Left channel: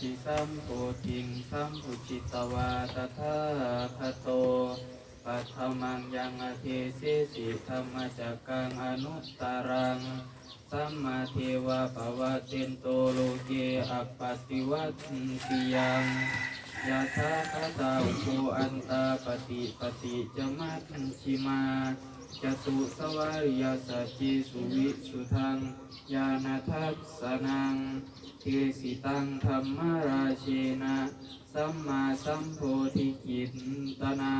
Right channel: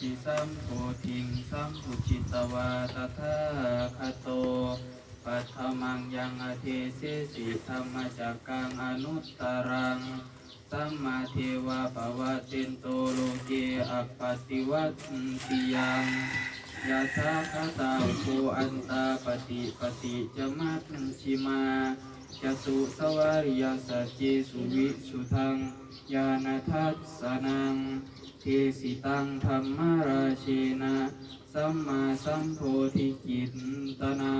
ภิสัมโพธิงสัมพุจิตวาตถาคโตปัทมังยังอเทเสสิธรรมจักกังอนุตตรัง สัมมาเทวะภวะเตนโตโลเกอัปปติวัตติยังยะถาคตาภูอันตาปฏิปฏิจมัตชิมาจตุสวาริยสัจเจสุวิสุทังญาณทัสสนัง เทสิตังธรรมราเชนะ สัมมาสัมโพธิกิตตนังนา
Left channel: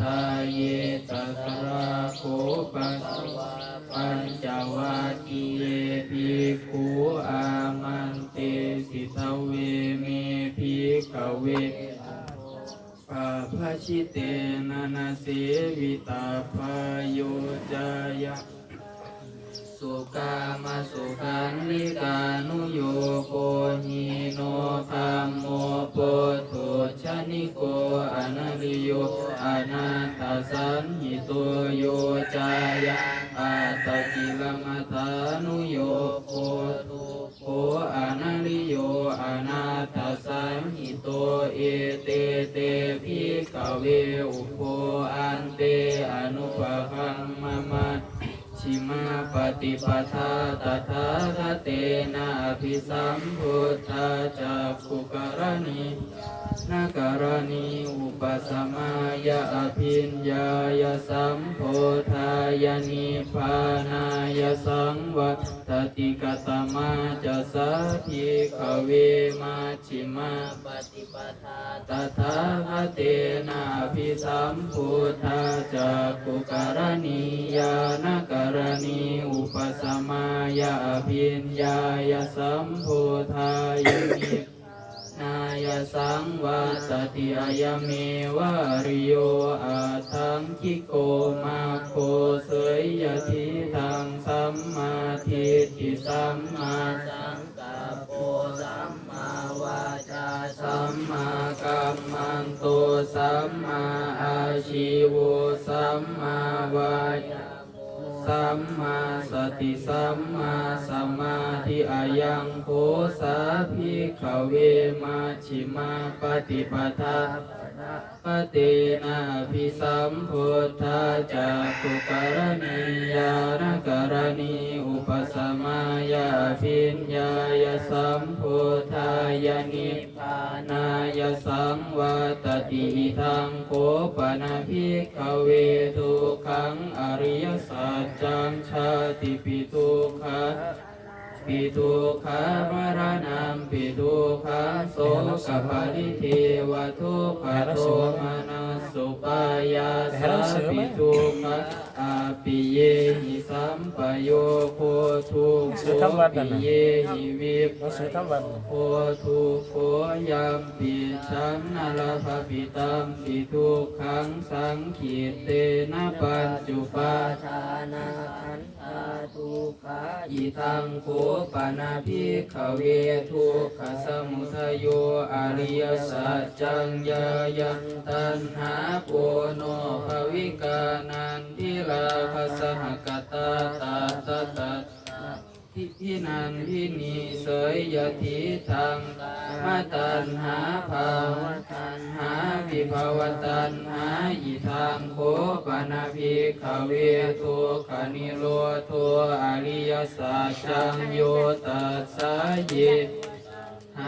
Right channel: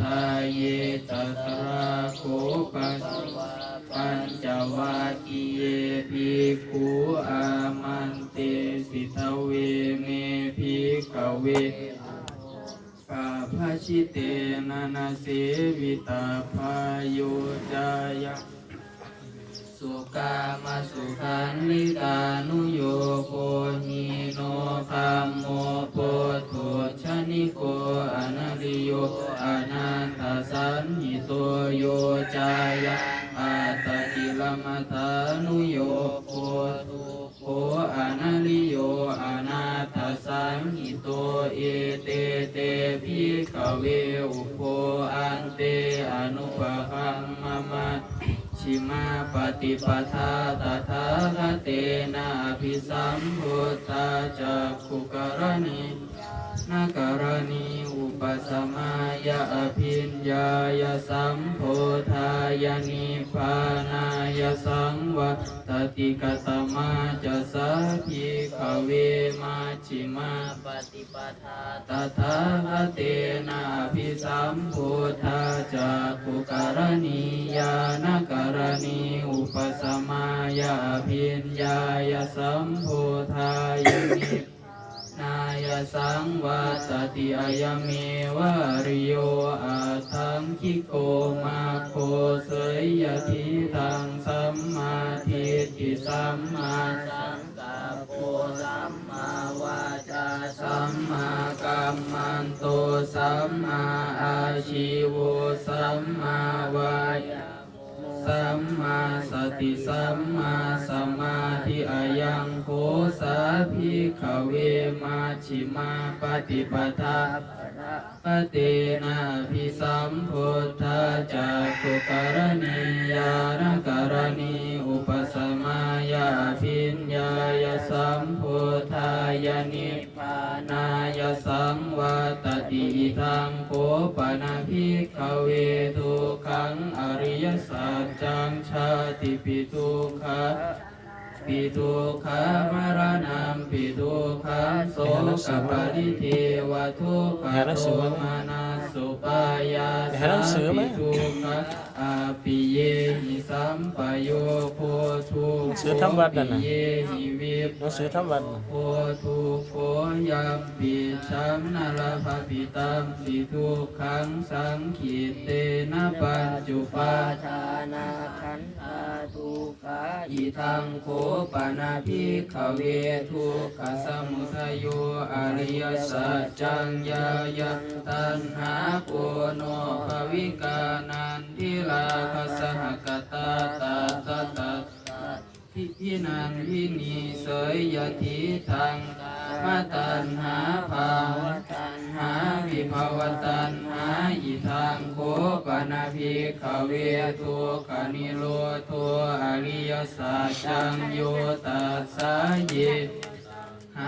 ทาเยตัตระโคปัสปัญจวัคคีเยภิกขุอามันเตสิทาเวเมภิกขเวปาภาชิเตนะนาเสวิตาพายุจายะสุกามาสุขันลิกานุ อเตเตภิกขเวอุโปอันเตอนุปะคัมมะมะชิมาปฏิปทาตถาคเตนะอภิสัมพุทธาจักขุกรณี นการณีอุปสมายะอภิญญายสัมโพธายนิพานายสังวัตติกตมาจะสัพิขเวมาชิมาปฏิปทาตถาคเตนะภิสัมพุทธาจักขุกรณียานกา สติสัมมาสมาธิอายังโคสาภิกขเวมาชิมาปฏิปทาปเตนะพิสัมพุทธาจากขุการณียานการณีอุปสมายาพิญญายสัมพุทธายนิพพานายสังวัต ติทางโคปนาภิกขเวทุขังอริยสัจจังชาติปิทุกขะปิทุกขามรณะปิทุกขโสกปริเทวทุกขโทมานาสุปายาสาปิทุกขอาปิเยหิสัมปโยโพ ทุกโขปิเยหิวิปหนังสือทั้งวัน โพทุโขยัมปิชันนาลภปิตัมปิทุกขังสังขีเตนะปัญจุปาทานาขันธาทุกขาอิทังโคปนาภิกขเวทุกขสมุทโยอริยสัจจังยายังตัณหาโกโนภวิกานันทิลาคสหกตาตาตา พิพินันพินีเสยยทิทังมาตันหาภาวตันหาวิภาวตันหาอิทังโคปนาภิกขเวทุกขานิโรโทอริยสัจจังโยตัสสะเย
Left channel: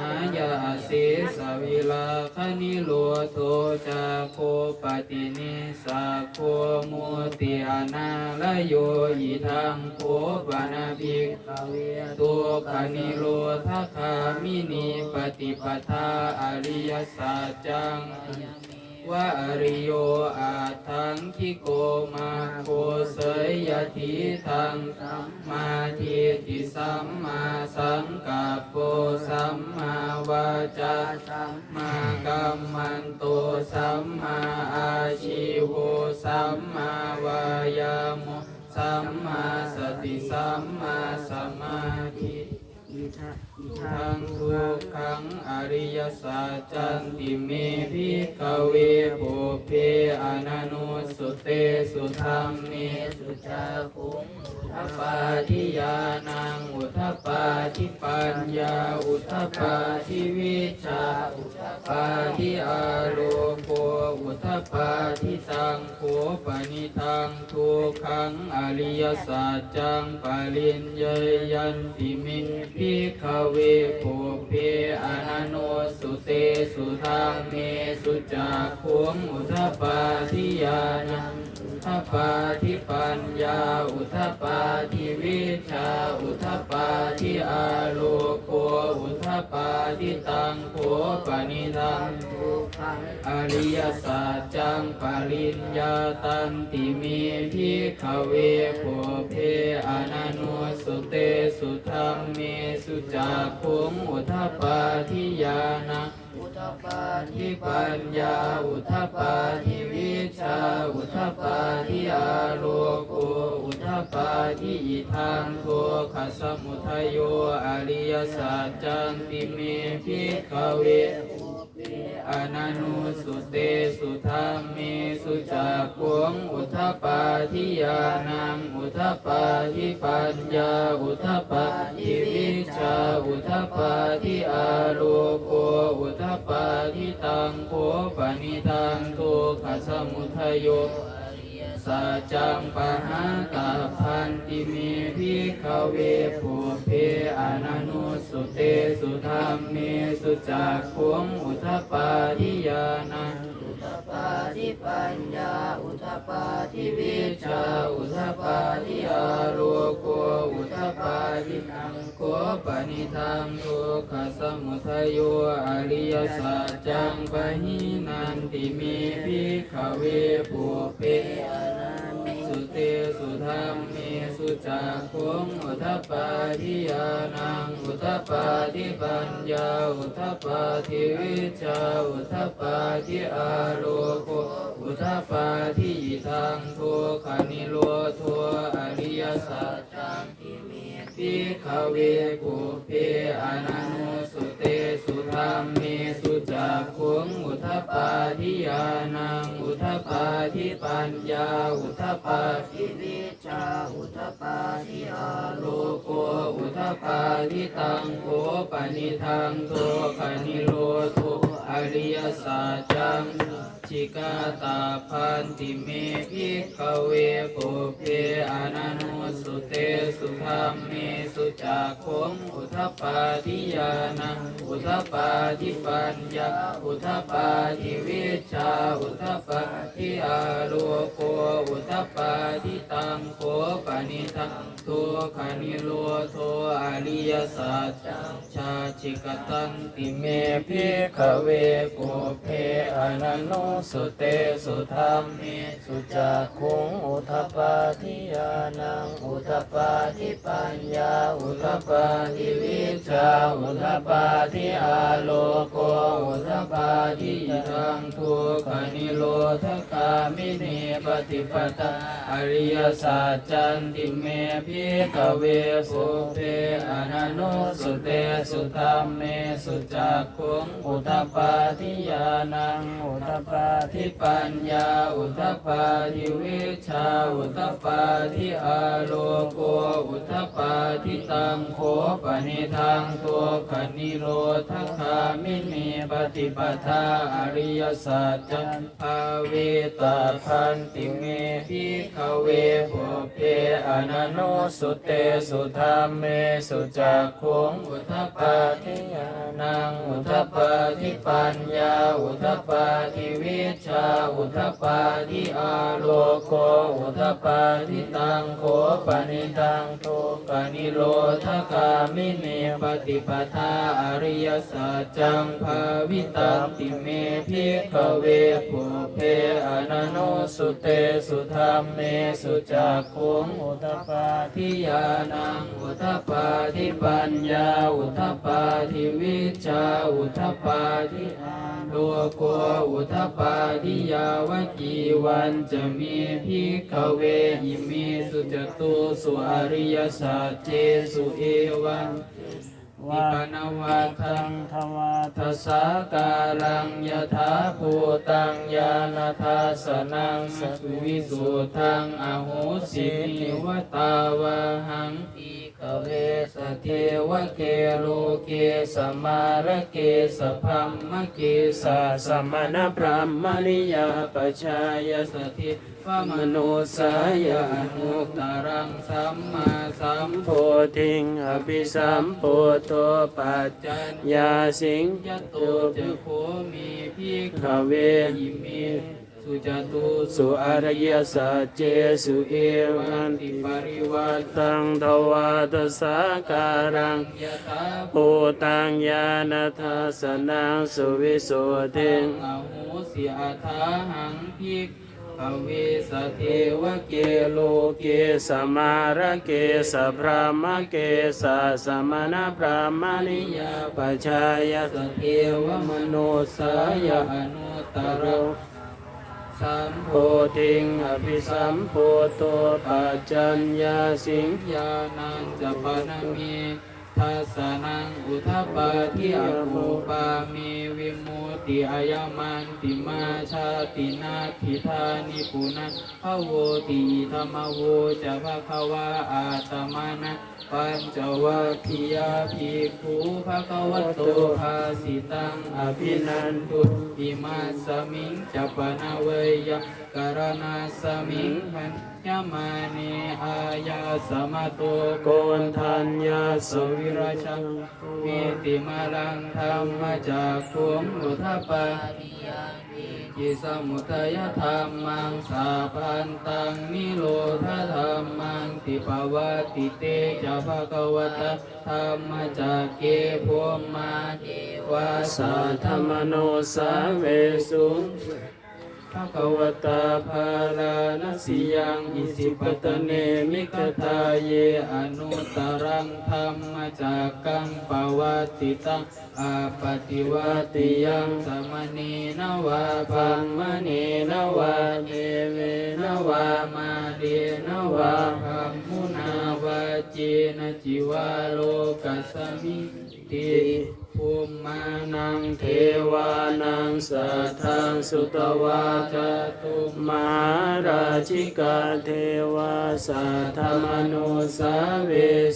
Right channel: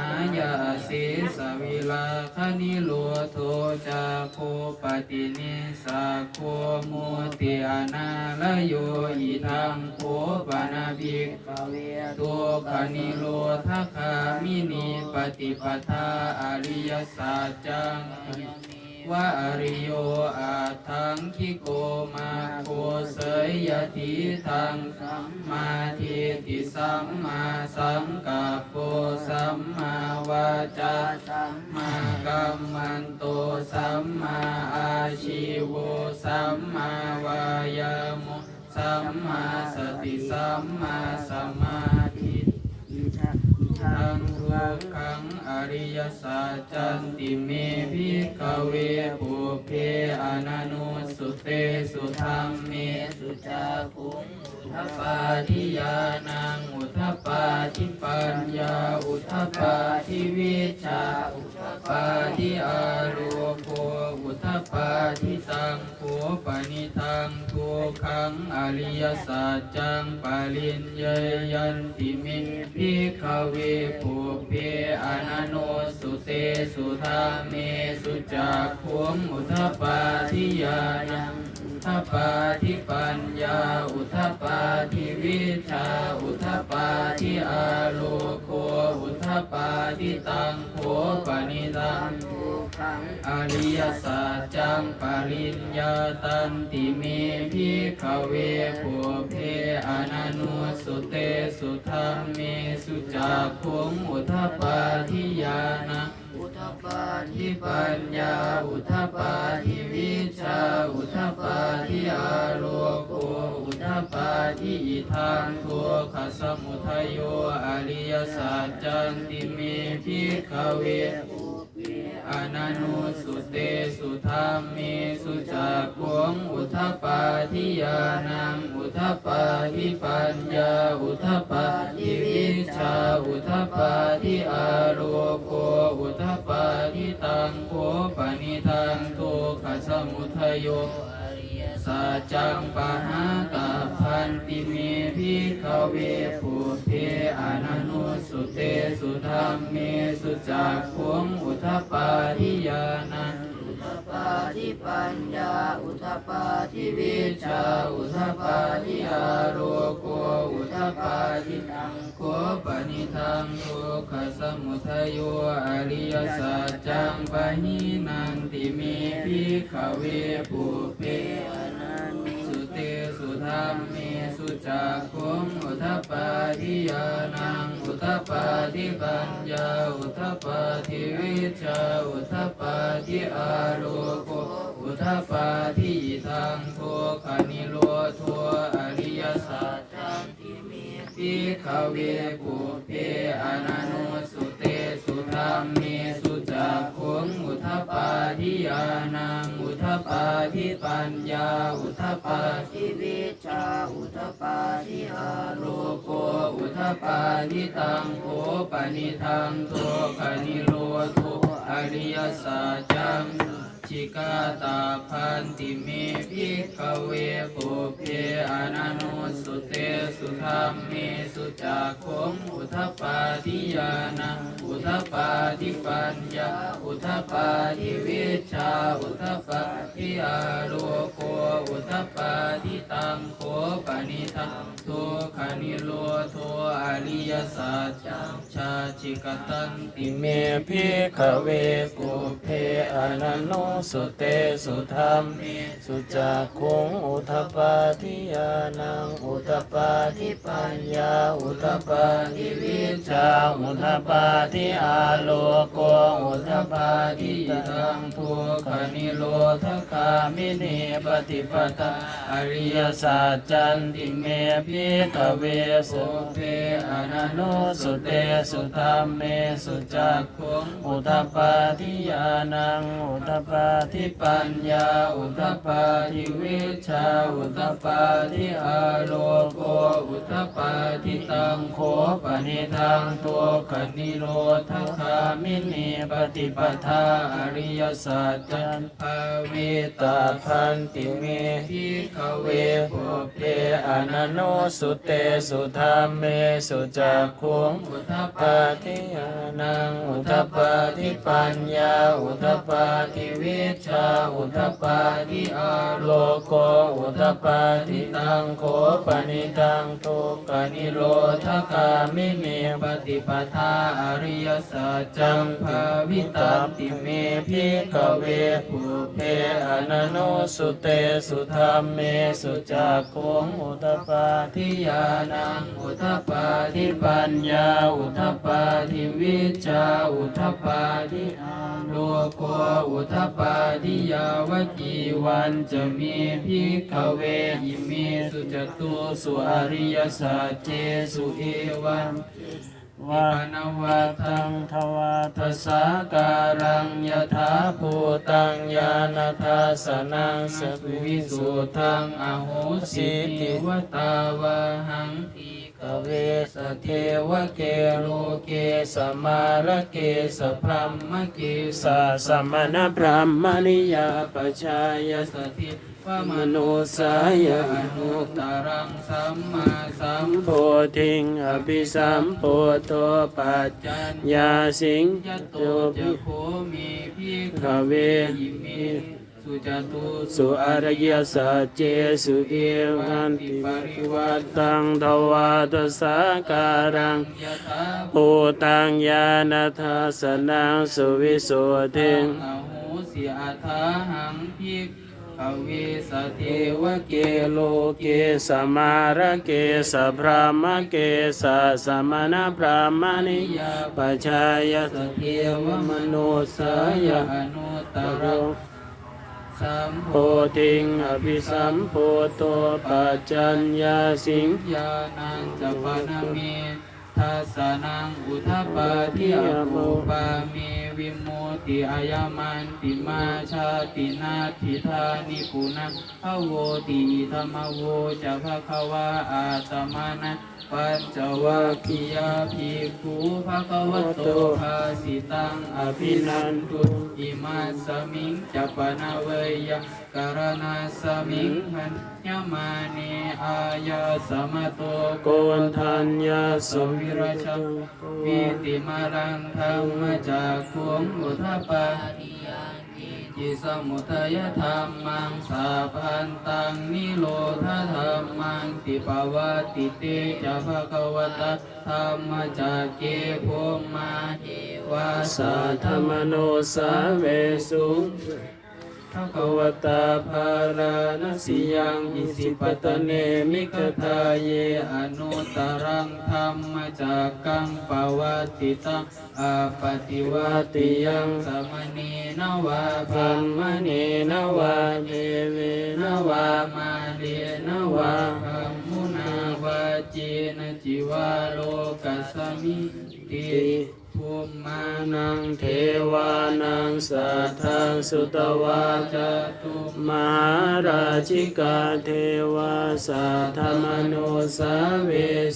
ายาสิสวิลาคณิโลโทจาโคปตินิสาโคมุติอนาลโยอิทังโคปนาภิกขเวตุคณิโลทัคามินีปฏิปทาอริยสัจจัง ว่าริโยอาทังคิโกมาโคเสยยติทังสัมมาทิฏฐิสัมมาสังกัปโปสัมมาวาจาสัมมากัมมันโตสัมมาอาชิโวสัมมาวายาโมสัมมาสติสัมมาสมา ทะอิทะทังทุกขังอริยสัจจันติเมพิกเวปุเพอนันุสุเตสุธรรมเมสุจาคุงอุทปาทิยานังอุทปาทิปัญญาอุทปาทิวิชาอุท ปาทิอาโลโกอุทปาทิตังโคปนิทังทุกขังอริยสัจจังปริญญายันติเมพิกเวปุเพอนันโนสุเตสุธาเมสุจักขุงอุทปาทิยานังอุทปาทิปัญญา อุทปาทิวิชา อุทปาทิอาโลโกอุ ทิตังโคปนิทังทุกขังอริยสัจจังปริญญาตันติเมพิขเวปุเพอนันโนสุเตสุธรรมเมสุจักขงอุทปาทิยานะอุทปาทิทิปัญญาอุทปา ทิอิทังโทขสมุทัยโยอริยสัจจันติเมพิขเวอนันุสุเตสุธรรมเมสุจักขวงอุทปาทิยานังอุทปาทิปัญญาอุทปาทิวิชาอุทปาทิอาโลโกอุทปาทิตังโคปนิทังทุกขสมุทัยโยอริยสัจจังปะหา เวปุเพอนันุสุเตสุธรรมเมสุจักขุงอุทปาทิยานังอุทปาทิปัญญาอุทปาทิวิชาอุทปาทิอาโลโกอุทปาทิตังโคปนิทังโทขสมุทัยโยอริยสัจจังปะหินันติเมพิขเวปุเพอนัน ธรรมเมสุจักขุงอุทปาทิยานังอุทปาทิปัญญาอุทปาทิวิชาอุทปาทิอาโลโกอุทปาทิทังโทขานิโรโทอริยสัจจังติเมพิขเวปุเพอนันโนสุเตสุธรรมเมสุจัก ขุงอุทปาทิยานังอุทปาทิปัญญา อุทปาทิวิชาอุทปาทิอาโลโกอุทปาทิตังโคปนิทังโทคนิโรโทอริยสัจจัง ชิกาตาพันติเมพิขเวปุเพอนันโนสุเตสุธรรมเมสุจักขมอุทปาทิยานังอุทปาทิปัญญาอุทปาทิวิชาอุทปาทิอาโลโกอุทปาทิตังโคปนิทังทุกขานิโรโทอริยสัจจังชาชิกตันติเมพิขเวปุเพอนันโนสุเตสุธรรมเมสุจักขุงอุทปาทิยานังอุทปาทิปัญญาอุทปาทิวิชาอุทปาทิอาโลโกอุทปาทิธรรมทุกขานิโรธคามิเนปฏิปตาอริยสัจจันติเมพิกเวสุเพอนันโนสุเตสุธรรมเมสุจักขุงอุทปาทิยานังอุทปาทิปัญญาอุทปาทิวิชาอุทปาทิอาโลโกอุทปาทิตังโคปนิทังตัวคนิโรธคามินีปฏิปทาอริยสัจจันภาเวตาคันติเมพิขเวปุเพอนันโนสุเตสุธรรมเมสุจักขุงอุทปาทิยานังอุทปาทิปัญญาอุทปาทิวิชาอุทปาทิอาโลโกอุทปาทิตังโคปนิทังทุกานิโรธคามิเนปฏิปทาอริยสัจจังภาวิตันติเมพิขเวปุเพอนันโนสุเตสุธรรมเมสุจักขุงอุทปาทิยานังอุทปาทิปัญญาอุทปาทิวิชาอุทปาทิอาโลโกอุทปปาทิยาวกีวันจะมีพิกเวยิมิสุจตุสุอริยสัจเจสุเอวันนิพพานวัตังทวาทัสสะการังยถาภูตังญาณทัสสนังสตุวิสุทังอโหสินิวตาวะหังที กเวสเทวเกโลเกสมารเกสพรหมเกสสาสมณพรหมนิยาปชายสสติพมมโนสาสานุตตตรังสัมมาสัมโพธิงอภิสัมโพโตปัจจันยาสิงยตโตจะภิโคมีพิขเวยิมิ สุจตุสุอารยสัจเจสุเอวันติปริวัตังทวาตสาการังยะถาภูตังญาณทัสสนังสุวิสุทธิงอโหสิอาทาหังพิกขเวสเทวเกเกโลเกสมาระเกสพรามเกสสมณพรามณิยาปชายสเทวมโนสายอนุตตตรโร สัมโพธิงอภิสัมโพโตปัจจัญญาสิงญาณังจะปนังเม ทัสสนังอุทปปาทิอโภปาเมวิมุติอายามันติมาชาตินาทิธานิปุนังภโวติธรรมโวจะภะคะวะอาตมานะปัญจวัคคียาภิกขุภะคะวะโตภาสิตังอภินันตุอิมาสมิงจะปนาเวยัง การณาสมิงหันยมาเนอายาสมโตโกนทัญญาสุวิราชังวิติมารังธรรมจากขุมอุทปาจิสมุทัยธรรมังสาพันตังนิโรธธรรมังติปวัติเตจะภะคะวตธรรมจากเกภมมาเทวาสาธรรมโนโนสาเวสุง ภะคะวตาภาลานสิยังอิสิปตเนมิกทาเยอนุตตรังธรรมจากกังปวัติตังอาปฏิวัติยังสมณีนวาพังมณีนวาเดเวนวามาเดนวาคัมมุนาวาเจนจิวาโลกัสมิติ มิมานังเทวานังสัทธังสุตวาจตุมหาราชิกาเทวาสาธมโนสาเว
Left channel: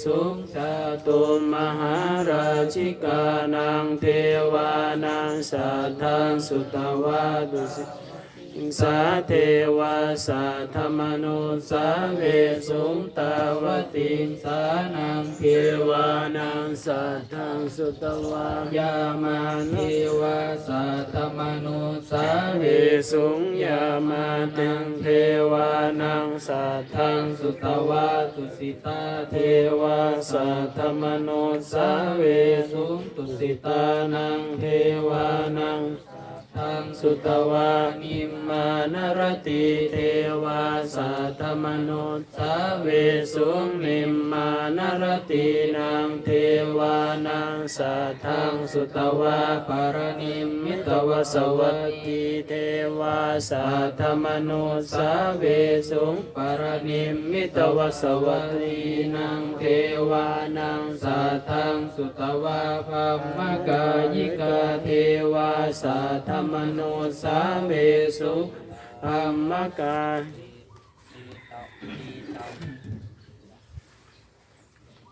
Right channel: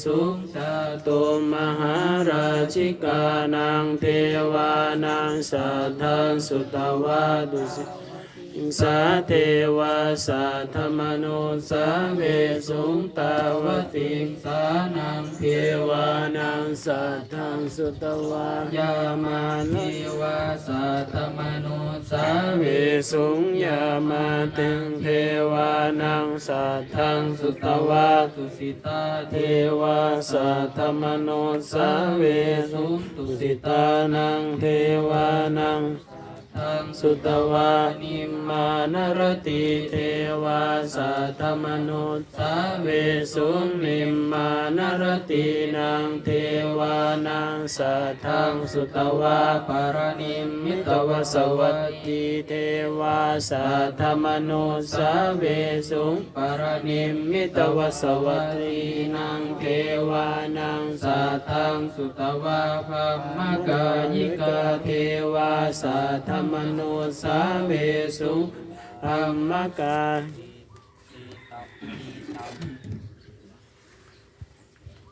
สุจาตุตุมหาราชิกานังเทวานังสัทธังสุตวาดุสิ สาเทวาสาธรรมโนสาเวสุงตาวติงสานังเทวานังสัทธังสุตวายามานิวาสัตมนุสาเวเวสุงยามาตึงเทวานังสัทธังสุตตวาวาตุสิตาเทวาสัทธมโนสาเวสุงตุสิตานังเทวานัง ทังสุตวานิมานรติเทวาสัทธมโนสาเวสุนิมานรตินังเทวานังสัทังสุตวาปารณิมิตวสวัตตติเทวาสัทธมโนสาเวสุปารณินิมิตวสวัตีนังเทวานังสัทังสุตวาภมมกากายิยิกากาเทวาสัทธมโนสาเวสุธรรมกาย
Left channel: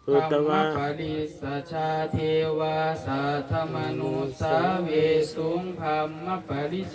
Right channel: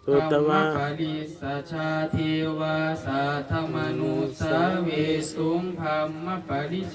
ตุตวาปริสชาเทวาสัทธมนุสาเวสุงธรรมปริส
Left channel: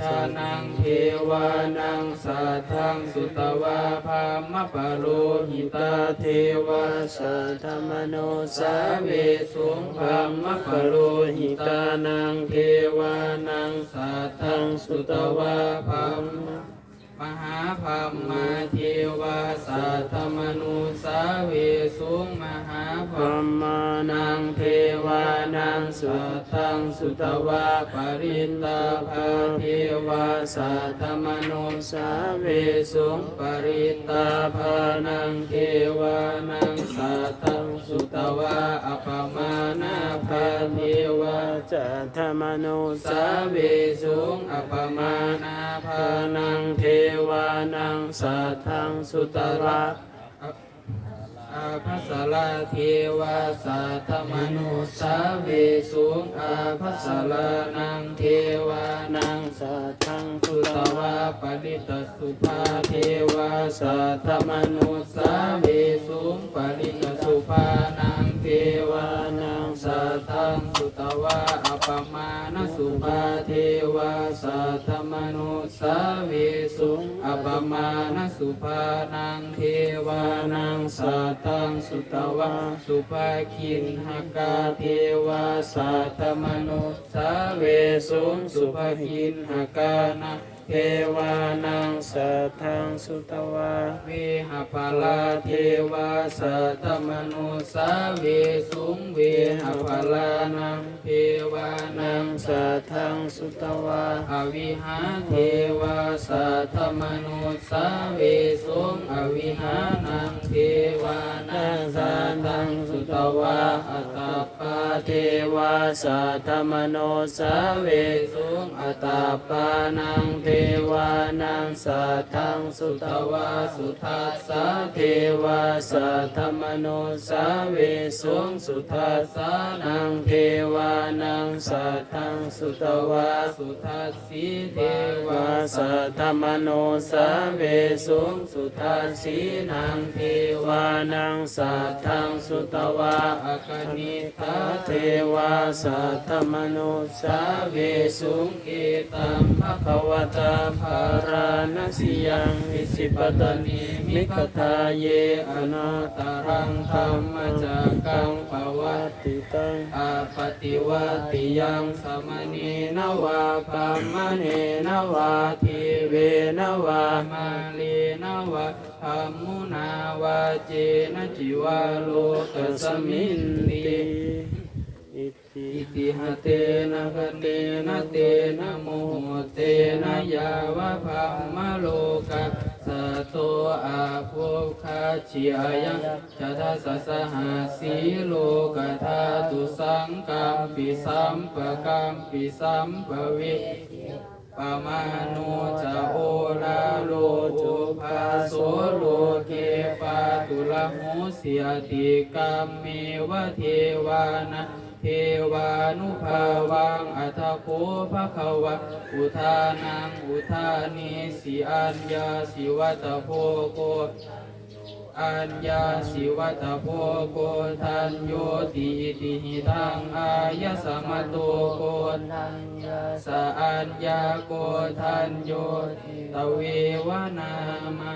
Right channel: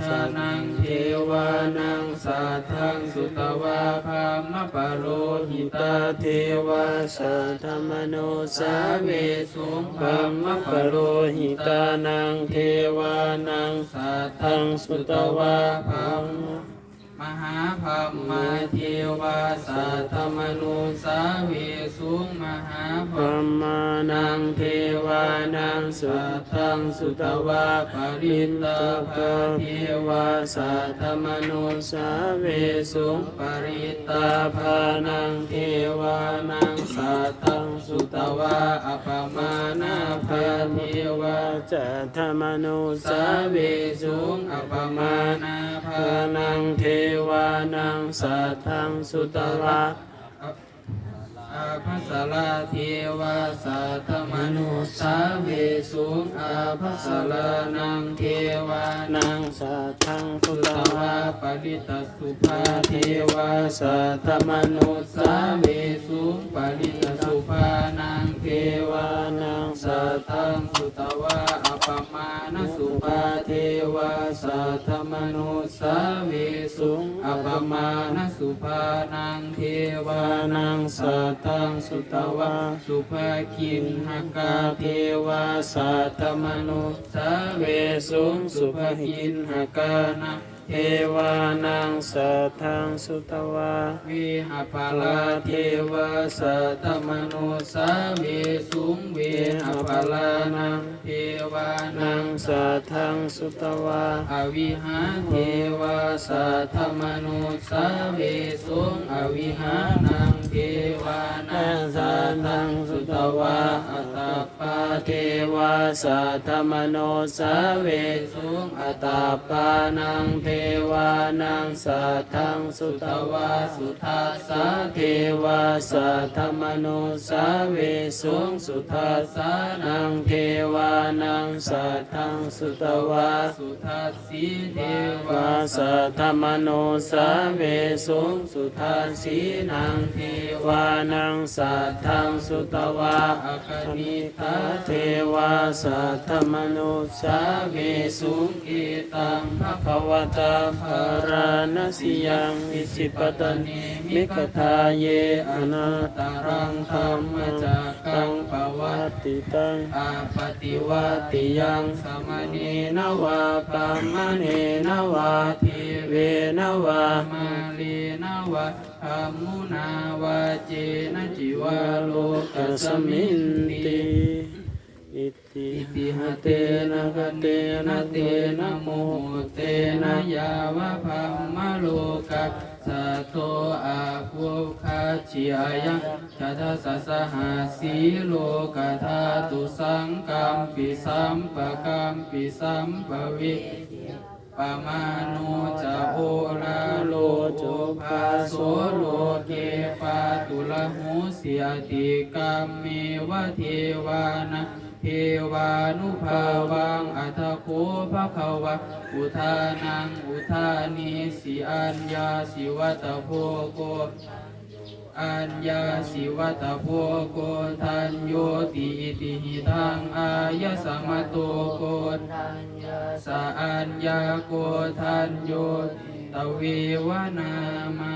ทานังเทวานังสัทธังสุตวาภามปโรหิตาเทวาสัทธมโนสาเวสุงพามะปปโรหิตาตานังเทวานังสัททัธังสุตวาวาพัภามม มหาภามมาเทวาสัทธมนุสาเวสุงมหาพภามมานังเทวานังสุทังสุตวาปริตตาภาเทวาสัทธมโนสาเวสุงปริตตาภานังเทวานังสัตตัง สุตวาอปมานาภาเทวาจัตธมโนสาเวสุงอปมานาภานังเทวานังสัตตังสุตวาอาภัสสลาเทวาสัทธมนุสาเวสุงอาภัสสลานังเทวานังสัทธังพุทธวาปริตสุภาเทวาสัทธมนุสาเว สุภานังเทวานังสัตังสุตวาสุภาคินหกาเทวาสัทธมนุสาเวสุงสุภาคินหกานะ เทวานังสัทธังสุตวาวิหภาลาเทวาสัทธมนุสาเวสุงวิหภาลานังเทวานังสัทธังสุตวาอวิหาเทวาสัทธมนุสาเวสุงอวิหานังเทวานังสัทธังสุตวาอัตตาเทวาสัทธมโนสาเวสุงอัตตปานังเทวานังสัทธังสุตวาสุทัสสะเทวาสัทธมโนสาเวสุงสุทัสสะนังเทวานังสัทธังสุตวาสุทัสสีเทวาสัทธมโนสาเวสุงสุทัสสีนังเทวานังสัทธังสุตวาอคณิตาเทวาสัทธมโนสาเวสุงเอตัมภควตาภารานสิยังวิสิปตนิมิกทาเยอนาตารังธรรมจักกังภวัตติตังอาปฏิวัติยังสมณีนวาปัมมเนนวาทิเวนวามาลีนวา ธรรมุนาวาเจนะจิวาโลกสมินติอิติอิติหะเตนะกะเตนะเตนะโมเตนะยาวะพัมมะโลกัสสะโตอาภุคาชิอายังทัสสะสหาสีโลกธาตุสังกัมปิสัมปะกัมปิสัมปะวิ ปมานุจะโอราโลจุภาโสโลเกปาตุละหูเสียติกรรมเมวะเทวานะเทวานุภาวังอัตโคภะคะวะอุทานังอุทานิสิอัญญาสิวัตโพโก อัญญาสิวัตโพโกทันโยติติหิทังอายสมโตโกทัญญาสอัญญาโกทันโยตเววนามา